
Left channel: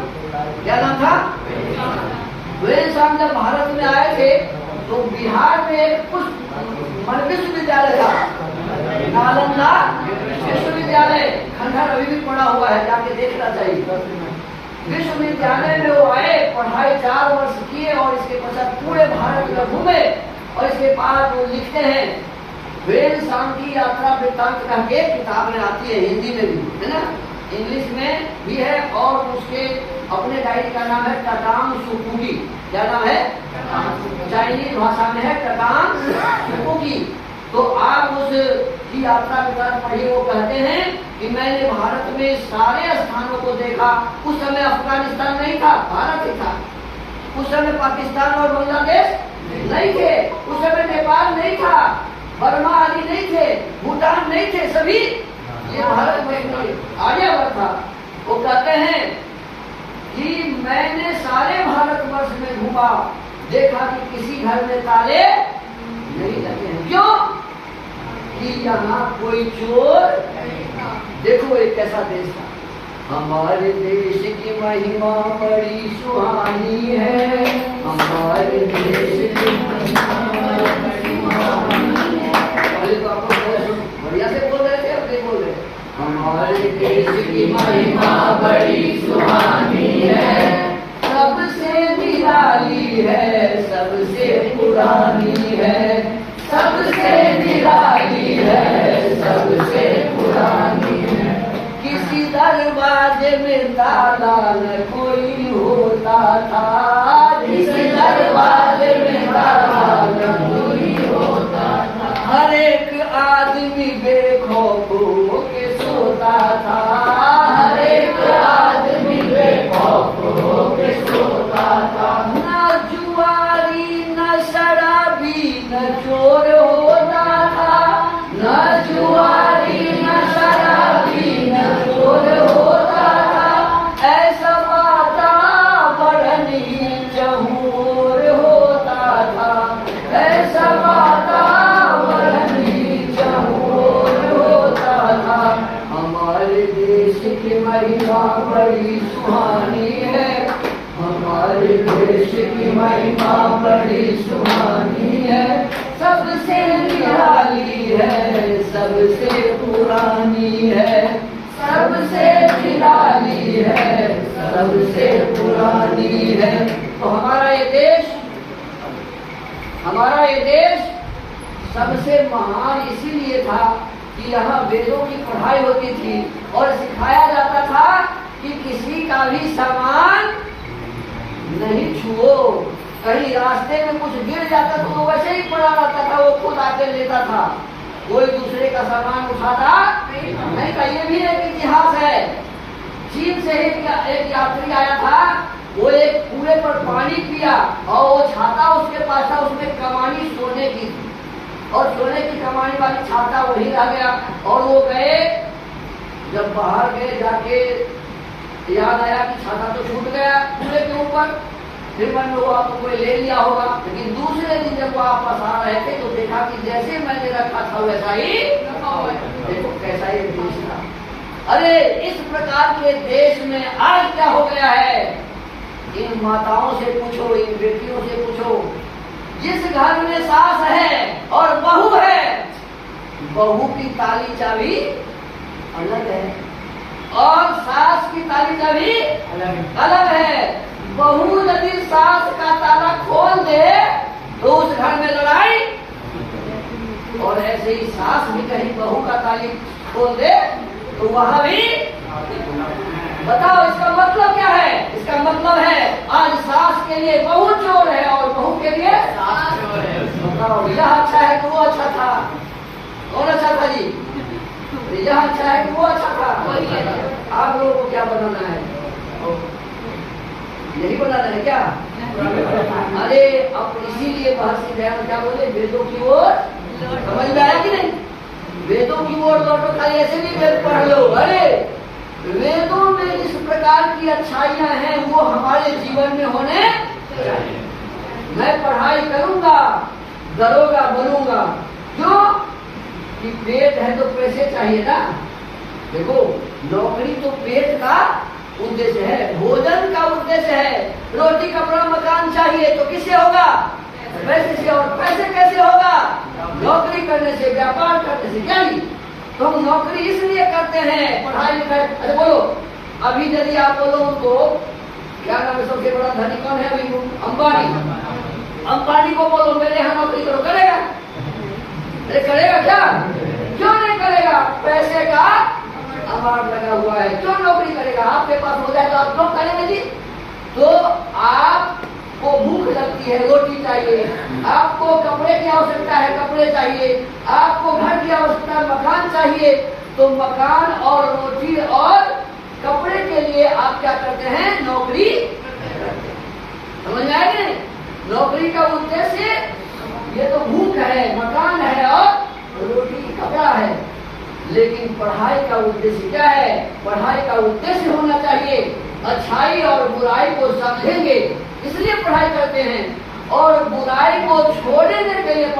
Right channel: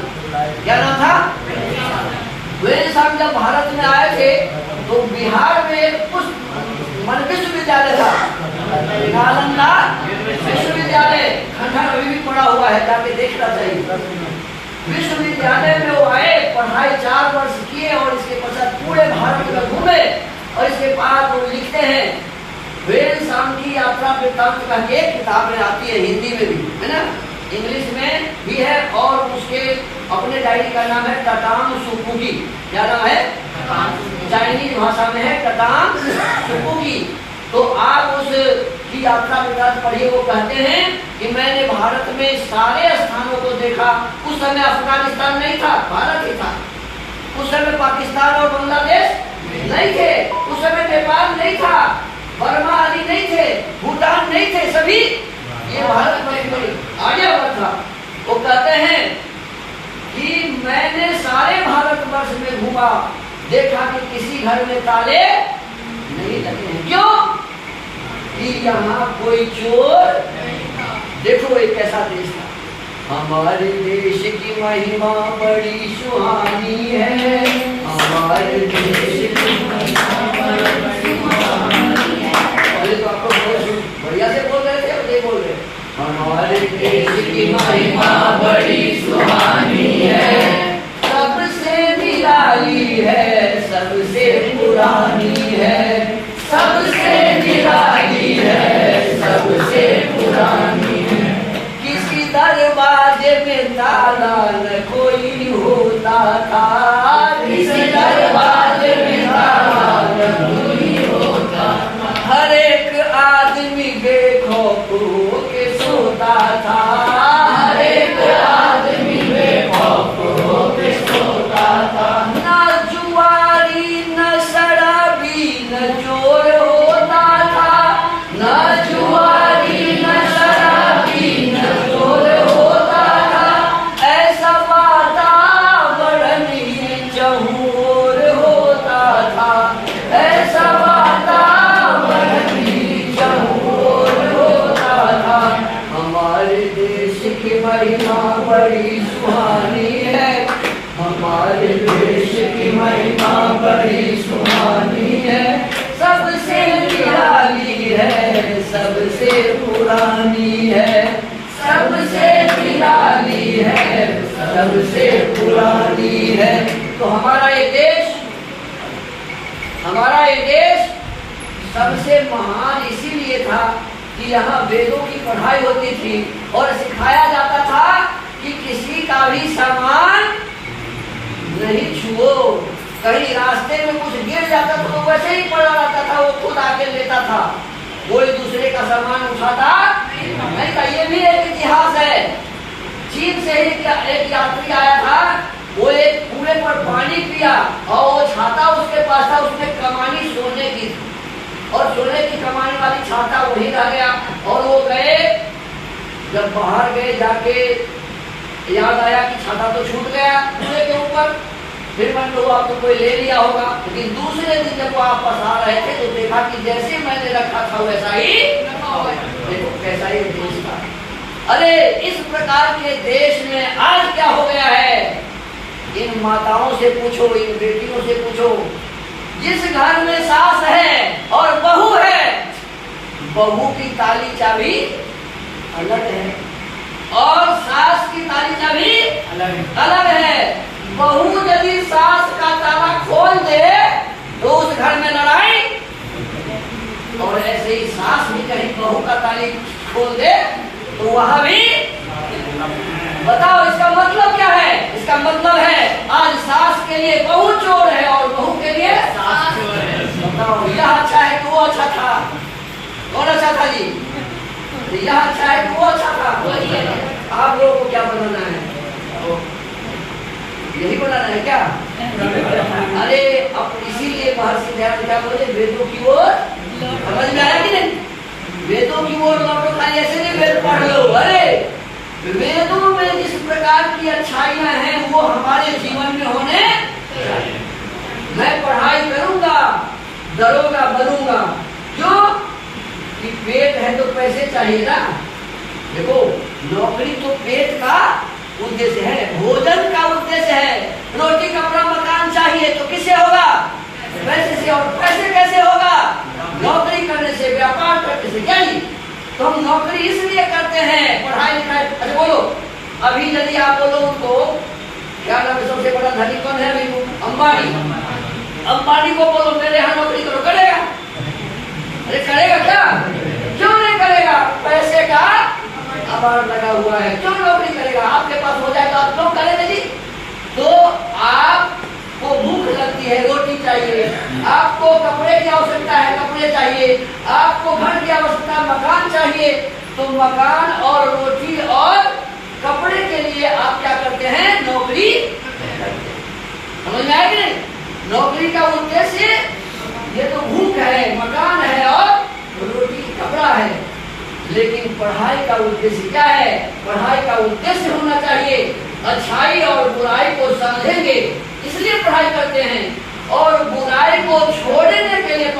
क्या नाम था? हुएनसांग। जब भारत में आए थे तो बिहार में कुछ विश्वविद्यालय था, नालंदा विश्वविद्यालय, खंडहर अभी भी पड़ा हुआ है, जाके देखना चाहिए। विश्वविद्यालय में वो आए, पढ़ाई 4 वर्ष किए और इसके पश्चात पूरे भारत में घूमे और इसके बाद वो लिखते हैं हुएनसांग की यात्रा वृत्तांत कह के किताबें आती है, हिंदी में भी है ना, इंग्लिश में भी है और उसके अपने डायरी का नाम है टटांग सुपुगी। क्या नाम है? चाइनीज भाषा में है टटांग सुपुगी। तो आप उस की यात्रा विवरण पढ़िए। वो कहते हैं कि मैंने भारत में सारे स्थानों को देखा। उस समय अफगानिस्तान नहीं था, भारत ही था। उस समय पाकिस्तान और बांग्लादेश नहीं थे। उस समय नेपाल नहीं था, बर्मा आदि नहीं थे, भूटान नहीं थे, सभी ये भारत में आर्यवर्त था। वो कहते हैं कि मैंने सारे भारतवर्ष में घूमा, देखा कि किसी घर में ताले नहीं लगे हैं। क्यों? कि यहाँ कोई चोर। देखो एक कैसा देश था। हमारे देश की महिमा बड़ी सुहानी है, हमारे देश की महिमा बड़ी सुहानी है। पहले तो आप लोग बढ़िया से बोल रहे थे, अब ये बोल रहे हमारे देश की महिमा बड़ी सुहानी है, सबसे निराली है, सबसे पुरानी है, सबसे निराली है, सबसे पुरानी है। किसी दरवाजे में ताला न कोई होता था, किसी दरवाजे में ताला न कोई होता था। हर एक आदमी बेखौफ होके सोता था, हर एक आदमी बेखौफ होके सोता था। न जुआरी न शराबी न चोर होता था, न जुआरी न शराबी न चोर होता था। ऐसा वातावरण ही चहुर होता था, ऐसा वातावरण ही चहुर होता था। हमारे देश की महिमा बड़ी सुहानी है, हमारे देश की महिमा बड़ी सुहानी है, सबसे निराली है, सबसे पुरानी है, सबसे निराली है, सबसे पुरानी है। तो हमारा ये देश सबसे महान इसीलिए था कि यहाँ वेदों की पढ़ाई होती थी और सिखाया जाता था कि किसी का भी सामान नहीं छुओ। कहीं रास्ते में कुछ गिर जाता था तो वैसे ही पड़ा रहता था, वो खुद आके लेता था, कोई दूसरे का सामान उठाता नहीं था। ये भी एक इतिहास है। चीन से एक यात्री आया था, वो एक कुएं पर पानी पिया और वो छाता उसके पास था, उसमें कमानी सोने की थी और सोने की कमानी वाली छाता वही रह गया। और वो गए, जब बाहर गए जाके याद आया कि छाता तो छूट गया कुएं के ऊपर। फिर मन लो आपको कोई ले लिया होगा, लेकिन दूसरे दिन जब वापस आ रहे थे तो देखा कि जैसे मैंने रखा था वैसा ही देखो कैसा ही देश था। अरे इस प्रकार के देश में आज क्या हो गया है? इन माताओं से पूछो, इन बेटियों से पूछो, जिस घर में सास है और बहू है, बहू की ताली चाबी अलग है और सास की ताली चाबी अलग है। बहू यदि सास का ताला खोल दे तो उस घर में लड़ाई, और ऐसे ही सास भी कहीं बहू का ताली खोल दे तो वहां भी। बताओ इसका मतलब क्या है? इसका मतलब है आज सास के लिए बहू चोर है और बहू के लिए सास चोर है। बताओ यह अच्छा है कि वो अच्छा था? कौन अच्छा था जी? यह अच्छा है कि वो अच्छा था? आप लोगों को क्या बनाना है? यही बनाना है क्या? अरे अब इसीलिए महर्षि दयानंद क्या बोले, वेदों की ओर। समझ में आया कि नहीं? वेदों की ओर लौटो, खाली ऐसे नहीं वेद पढ़ लो। अरे वेदों में जिस प्रकार की अच्छाइयां हैं वो हमारे जीवन में होने चाहिए। मैं पढ़ाई करूंगा, दरोगा बनूंगा। क्यों? कि पेट है तो पैसे चाहिए ना। देखो नौकरी तो पेट का उद्देश्य है, भोजन का उद्देश्य है। रोटी कपड़ा मकान चाहिए तो किससे होगा? पैसे से। और पैसे कैसे होगा? नौकरी करने से, व्यापार करने से। क्या जी? तो हम नौकरी इसलिए करते हैं, पढ़ाई लिखाई। अच्छा बोलो, अभी यदि आप बोलो उनको क्या नाम है, सबसे बड़ा धनी कौन है अभी? अंबानी। अंबानी को बोलो मेरे यहाँ नौकरी करो, करेगा? अरे करेगा क्या? क्यों नहीं करेगा? पैसे का अवार्ड लगा हुआ है, क्यों नौकरी करेगा? आपके पास हो जाए तो आप क्यों करेंगे जी? तो आपको भूख लगती है, रोटी चाहिए, आपको कपड़े की आवश्यकता है, कपड़े चाहिए, आपको घर की आवश्यकता, मकान चाहिए, तो मकान और रोटी और कपड़े के लिए आप क्या करते हैं? नौकरी करते हैं। समझ में आएगी? नौकरी का उद्देश्य ये तो भूख है, मकान है और रोटी कपड़ा है, लेकिन पढ़ाई का उद्देश्य क्या है? पढ़ाई का उद्देश्य होना चाहिए अच्छाई और बुराई को समझेंगे, इसलिए पढ़ाई करते हैं, और बुराई को छोड़ने के लिए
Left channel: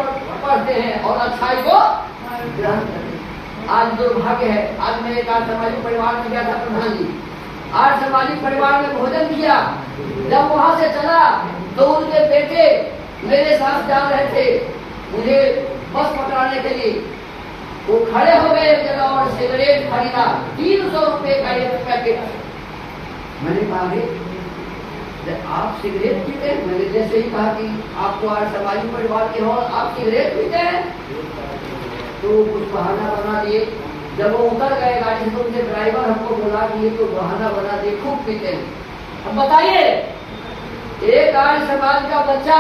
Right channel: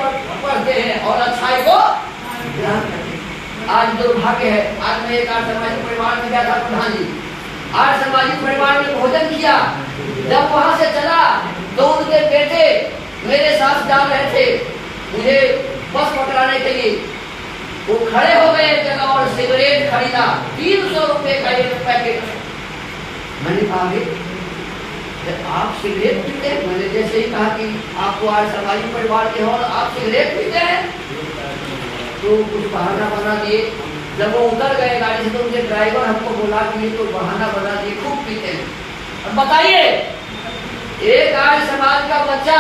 पढ़ते हैं और अच्छाई को ग्रहण करते हैं। आज दुर्भाग्य है, आज मैं एक आर्य सामाजिक परिवार में गया था, प्रधान जी आर्य सामाजिक परिवार में भोजन किया, जब वहां से चला तो उनके बेटे मेरे साथ जा रहे थे मुझे बस पकड़ाने के लिए, वो खड़े हो गए एक जगह और सिगरेट खरीदा, 300 रुपए का एक पैकेट। मैंने कहा आप सिगरेट पीते हैं? मैंने जैसे ही कहा कि आपको आज सामाजिक परिवार के हो, आप सिगरेट पीते हैं, तो कुछ बहाना बना दिए। जब वो उतर गए गाड़ी से तो उनके ड्राइवर हमको बुला दिए, तो बहाना बना दिए खूब पीते हैं। अब बताइए, एक आर्य समाज का बच्चा,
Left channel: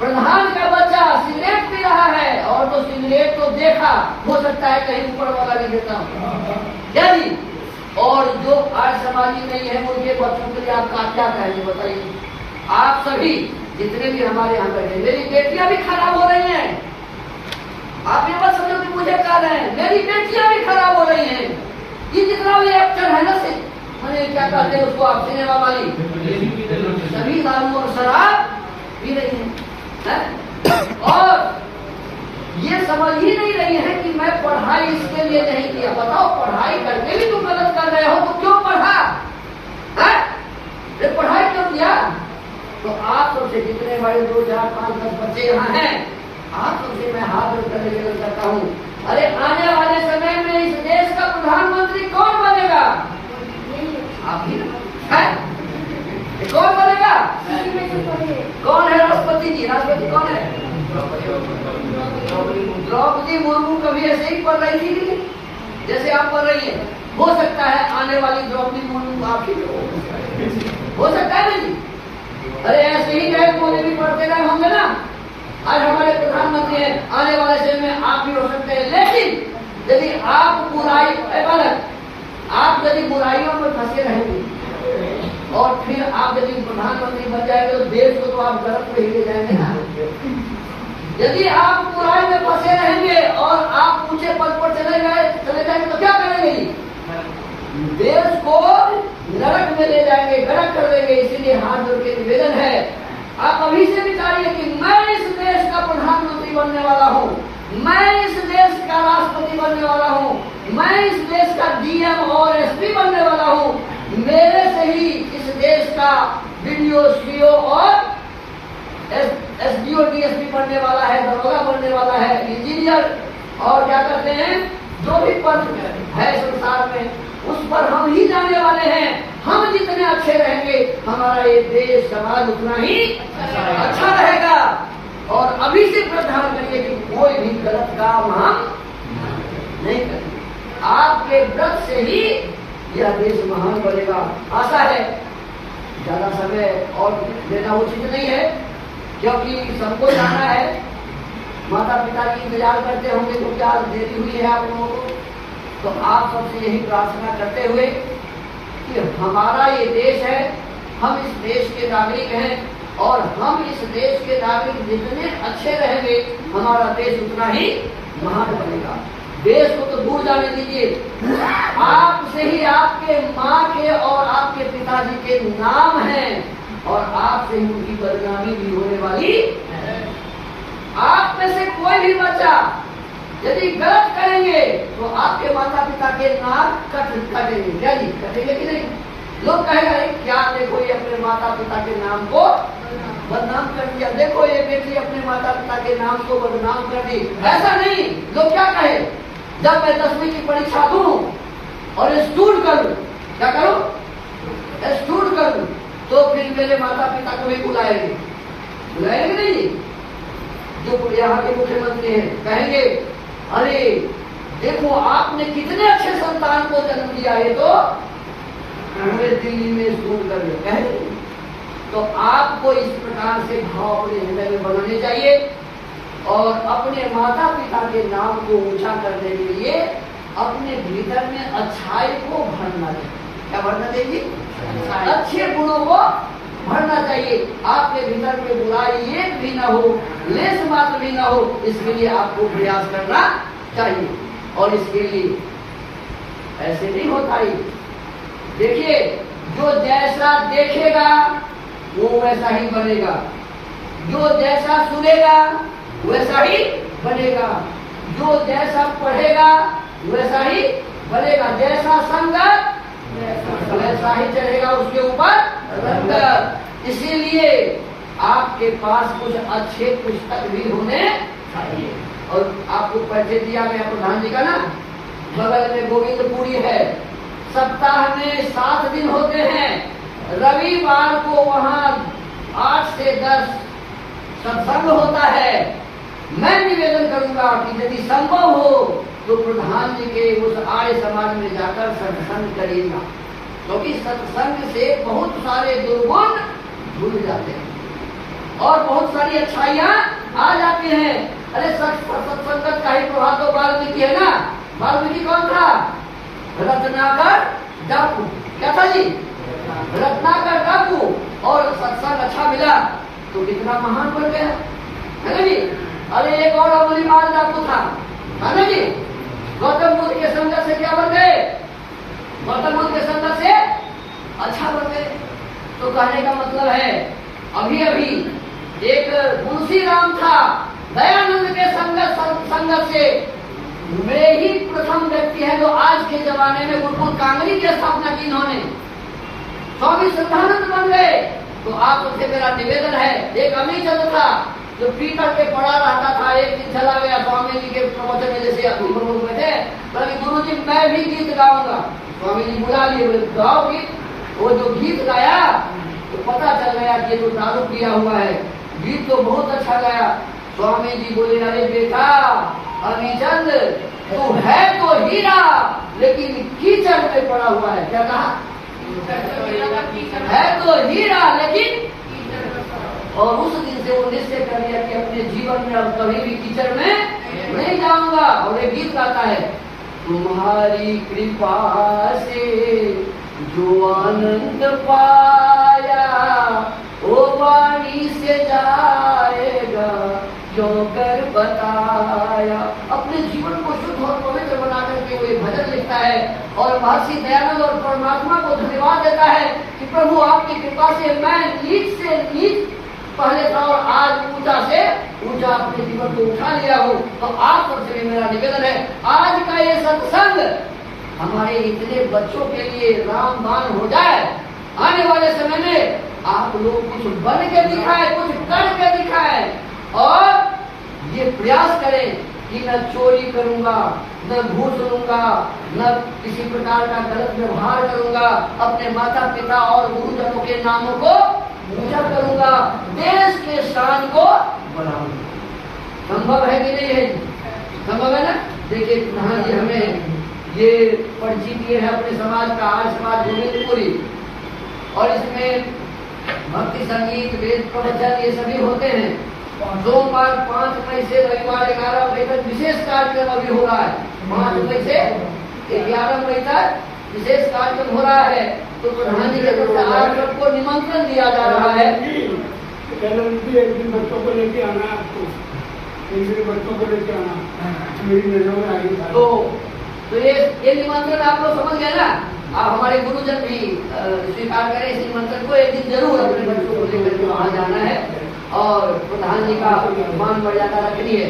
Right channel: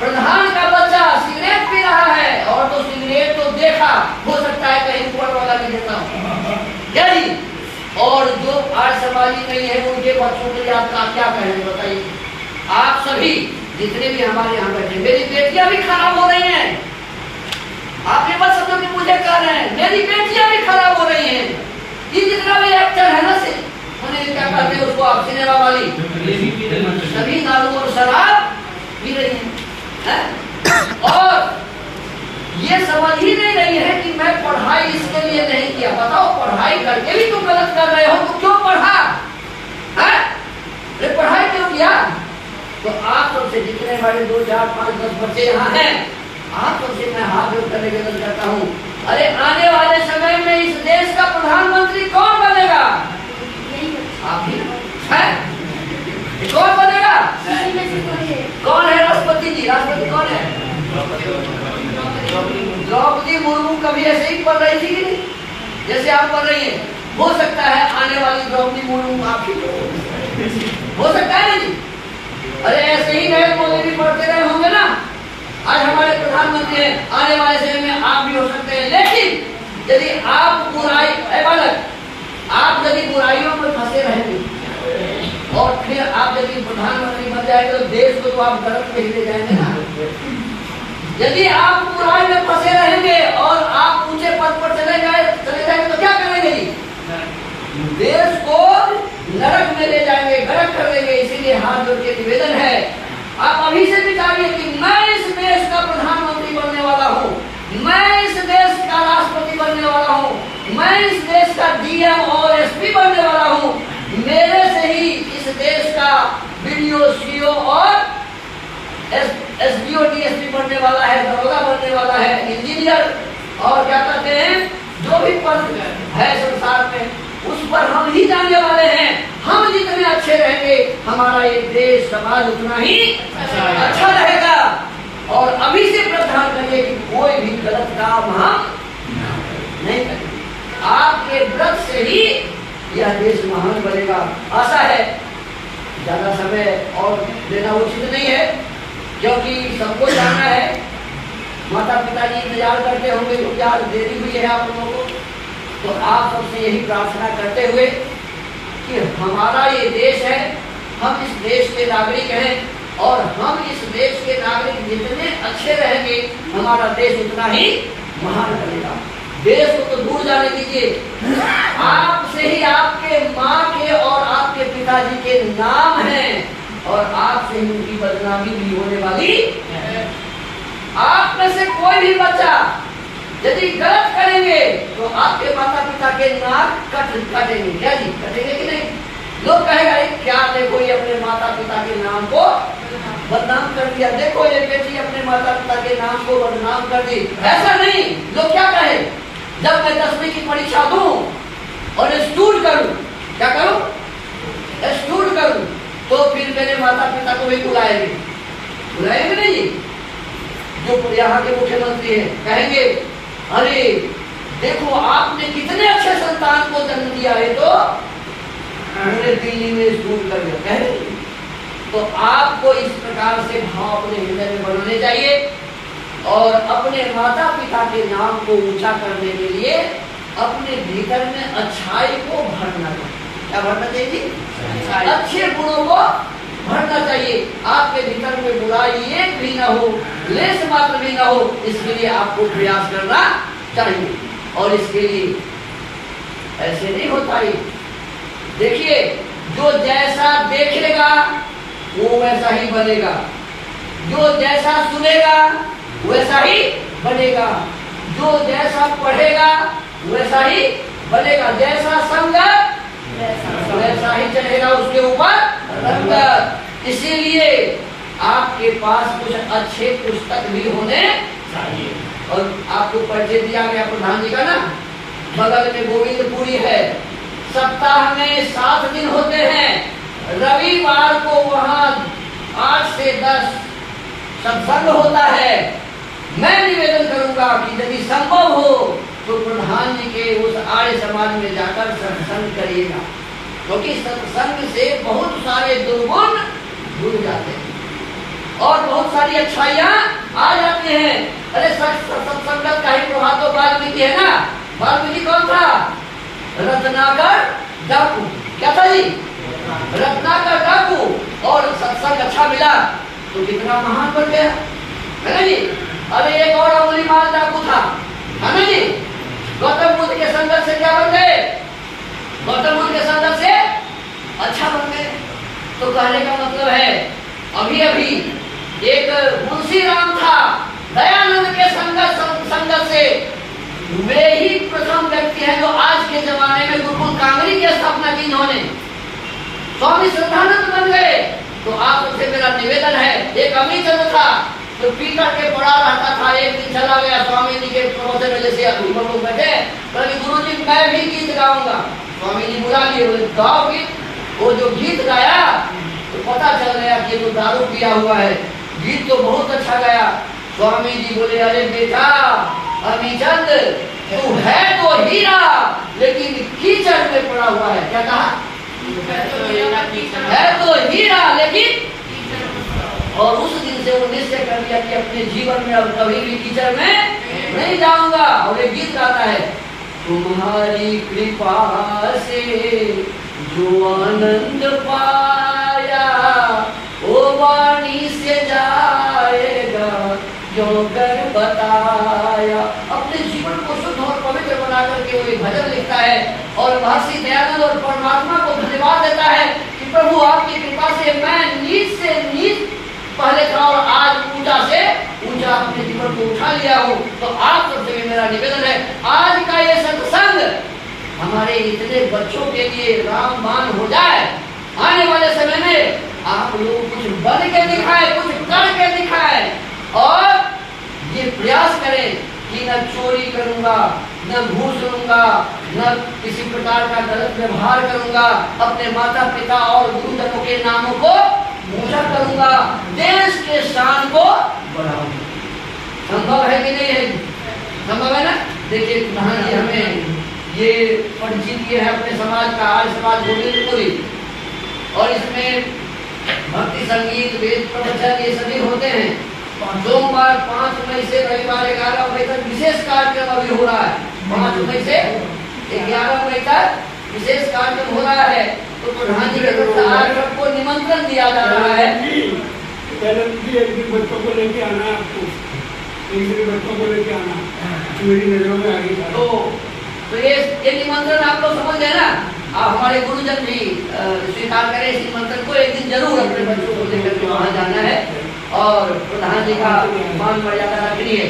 प्रधान का बच्चा सिगरेट पी रहा है, और तो सिगरेट तो देखा, हो सकता है कहीं ऊपर वाला भी देता हूँ क्या जी? और जो आर्य समाजी नहीं है उनके बच्चों के लिए आपका क्या कहेंगे बताइए? आप सभी जितने भी हमारे यहाँ बैठे, मेरी बेटियां भी खराब हो रही हैं, आप ये मत समझो कि मुझे कह रहे हैं, मेरी बेटियां भी खराब हो रही हैं। ये जितना भी एक्टर है ना, से मैंने क्या कहते हैं उसको, आप सिनेमा वाली, सभी दारू और शराब पी रही है, और ये समझ ही नहीं रही है कि मैं पढ़ाई इसके लिए नहीं किया। बताओ, पढ़ाई करके भी तुम गलत कर रहे हो तो क्यों पढ़ा है? पढ़ाई क्यों किया? तो आप सबसे जितने हमारे 2, 4, 5, 10 बच्चे यहाँ हैं, आप सबसे मैं हाथ जोड़कर निवेदन करता हूँ, अरे आने वाले समय में इस देश का प्रधानमंत्री कौन बनेगा? आप ही है? कौन बनेगा? कौन है राष्ट्रपति जी? राष्ट्रपति कौन है? द्रौपदी मुर्मू कभी ऐसे ही पढ़ रही थी जैसे आप पढ़ रही हैं। हो सकता है आने वाली द्रौपदी मुर्मू आप ही हो सकता है ना जी? अरे ऐसे ही नए मोदी भी पढ़ते रहे होंगे ना। आज हमारे प्रधानमंत्री हैं, आने वाले समय में आप भी हो सकते हैं। लेकिन यदि आप बुराई आप यदि बुराइयों में फंसे रहेंगे और फिर आप यदि प्रधानमंत्री बन जाए तो देश को तो आप गलत में ही ले जाएंगे ना। यदि आप बुराई में फंसे रहेंगे और आप ऊंचे पद पर चले जाएंगे तो क्या करेंगे जी? देश को नरक में ले जाएंगे, गलत कर देंगे। इसीलिए हाथ जोड़ के निवेदन है, आप अभी से विचारिए कि मैं इस देश का प्रधानमंत्री बनने वाला हूँ, मैं इस देश का राष्ट्रपति बनने वाला हूँ, मैं इस देश का डीएम और एसपी बनने वाला हूँ। मेरे से ही इस देश का बीडीओ, सीओ और एसडीओ, डीएसपी बनने वाला है, दरोगा बनने वाला है, इंजीनियर और क्या कहते हैं जो भी पद है संसार में, उस पर हम ही जाने वाले हैं। हम जितने अच्छे रहेंगे हमारा ये देश समाज उतना ही अच्छा रहेगा। और अभी से प्रार्थना करिए कि कोई भी गलत काम हम नहीं करेंगे। आपके व्रत से ही यह देश महान बनेगा। आशा है ज्यादा समय और देना उचित नहीं है, क्योंकि सबको जाना है। माता पिता जी इंतजार करते होंगे तो क्या देरी हुई है आप लोगों को। तो आप सबसे यही प्रार्थना करते हुए कि हमारा ये देश है, हम इस देश के नागरिक हैं, और हम इस देश के नागरिक जितने अच्छे रहेंगे हमारा देश उतना ही महान बनेगा। देश को तो दूर जाने दीजिए, आपसे ही आपके माँ के और आपके पिताजी के नाम हैं, और आपसे ही उनकी बदनामी भी होने वाली है। आप में से कोई भी बच्चा यदि गलत करेंगे तो आपके माता पिता के नाक कटेंगे। क्या जी, कटेंगे कि नहीं? लोग कहेगा क्या देखो ये अपने माता पिता के नाम को बदनाम कर दिया, देखो ये बेटी अपने माता पिता के नाम को बदनाम कर दी। ऐसा नहीं, लोग क्या कहे, जब मैं 10वीं की परीक्षा दूं और स्टूड करूं, क्या करूं? स्टूड करूं, तो फिर मेरे माता पिता को भी बुलाएंगे नहीं जी? जो यहाँ के मुख्यमंत्री हैं कहेंगे अरे देखो आपने कितने अच्छे संतान को जन्म दिया है, तो पूरे दिल्ली में स्कूल कर दिया, कह रहे। तो आपको इस प्रकार से भाव अपने हृदय में बनाने चाहिए और अपने माता पिता के नाम को ऊंचा करने के लिए अपने भीतर में अच्छाई को भरना चाहिए। क्या भरना चाहिए? अच्छे गुणों को भरना चाहिए। आपके भीतर में बुराई एक भी ना हो, लेस मात्र भी ना हो, इसके लिए आपको प्रयास करना चाहिए। और इसके लिए ऐसे नहीं होता ही। देखिए, जो जैसा देखेगा वो वैसा ही बनेगा, जो जैसा सुनेगा वैसा ही बनेगा, जो जैसा पढ़ेगा वैसा ही बनेगा, जैसा संगत वैसा ही चढ़ेगा उसके ऊपर रंगत। इसीलिए आपके पास कुछ अच्छे पुस्तक भी होने चाहिए। और आपको परिचय दिया गया प्रधान जी का ना, बगल में गोविंदपुरी है, सप्ताह में 7 दिन होते हैं। रविवार को वहाँ 8 से 10 सत्संग होता है। मैं निवेदन करूंगा कि यदि संभव हो तो प्रधान जी के उस आर्य समाज में जाकर सत्संग करिएगा, क्योंकि सत्संग से बहुत सारे दुर्गुण भूल जाते हैं और बहुत सारी अच्छाइयाँ आ जाती हैं। अरे सत्संगत का ही प्रभाव तो वाल्मीकि है ना। वाल्मीकि कौन था? रत्नाकर डाकू। क्या था जी? रत्नाकर डाकू। और सत्संग अच्छा मिला तो कितना महान बन गया, है ना जी। अरे एक और अमूल्यमान डाकू था, है ना जी। गौतम बुद्ध के संगत से क्या बन गए? गौतम बुद्ध के संगत से अच्छा बन गए। तो कहने का मतलब है, अभी अभी एक मुंशी राम था, दयानंद के संगत से वे ही प्रथम व्यक्ति है जो आज के जमाने में गुरुकुल कांगरी की स्थापना की इन्होंने। स्वामी श्रद्धानंद बन गए। तो आप सबसे मेरा निवेदन है, एक अमीर चंद्र था जो पी करके पड़ा रहता था, एक दिन चला गया स्वामी जी के प्रवचन में, जैसे लोग बैठे, बोले गुरु जी मैं भी गीत गाऊंगा। स्वामी जी बुला लिए, बोले गाओ गीत। वो जो गीत गाया तो पता चल गया कि तो दारू पिया हुआ है, गीत तो बहुत अच्छा गाया। स्वामी जी बोले अरे बेटा अमीचंद, तू है तो हीरा लेकिन कीचड़ में पड़ा हुआ है। क्या कहा? है तो हीरा लेकिन। और उस दिन से वो निश्चय कर लिया कि अपने जीवन में अब कभी भी कीचड़ में नहीं जाऊंगा। और एक गीत गाता है, तुम्हारी कृपा से जो आनंद पाया वो वाणी से जाएगा जो कर बताया। अपने जीवन को शुद्ध और पवित्र बना करके वो एक भजन लिखता है और महर्षि दयानंद और परमात्मा को धन्यवाद देता है कि प्रभु आपकी कृपा से मैं नीच से नीच पहले था और आज ऊंचा से ऊंचा अपने जीवन को उठा लिया हूँ। तो आप सबसे मेरा निवेदन है, आज का ये सत्संग हमारे इतने बच्चों के लिए रामबाण हो जाए। आने वाले समय में आप लोग कुछ बन के दिखाए, कुछ करके दिखाए और ये प्रयास करें कि न चोरी करूंगा, न घूस लूंगा, न किसी प्रकार का गलत व्यवहार करूंगा, अपने माता पिता और गुरुजनों के नामों को ऊंचा करूंगा, देश के शान को बढ़ाऊंगा। संभव है कि नहीं है? संभव है ना। देखिए प्रधान जी हमें ये परिचय दिए है अपने समाज का, आर्य समाज गोविंदपुरी, और इसमें भक्ति संगीत वेद प्रवचन ये सभी होते हैं। सोमवार 5 मई से रविवार 11 मई तक विशेष कार्यक्रम अभी हो रहा है। 5 मई से 11 मई तक विशेष कार्यक्रम हो रहा है। तो प्रधान जी के तरफ से आप सबको निमंत्रण दिया जा रहा है। एक दिन बच्चों को लेके आना है, आपको एक दिन बच्चों को लेके आना मेरी नजरों में आगे। तो ये निमंत्रण आप लोग समझ गए ना। आप हमारे गुरुजन भी स्वीकार करें इस निमंत्रण को। एक दिन जरूर अपने बच्चों को लेकर के वहाँ जाना है और प्रधान जी का मान मर्यादा रखनी है।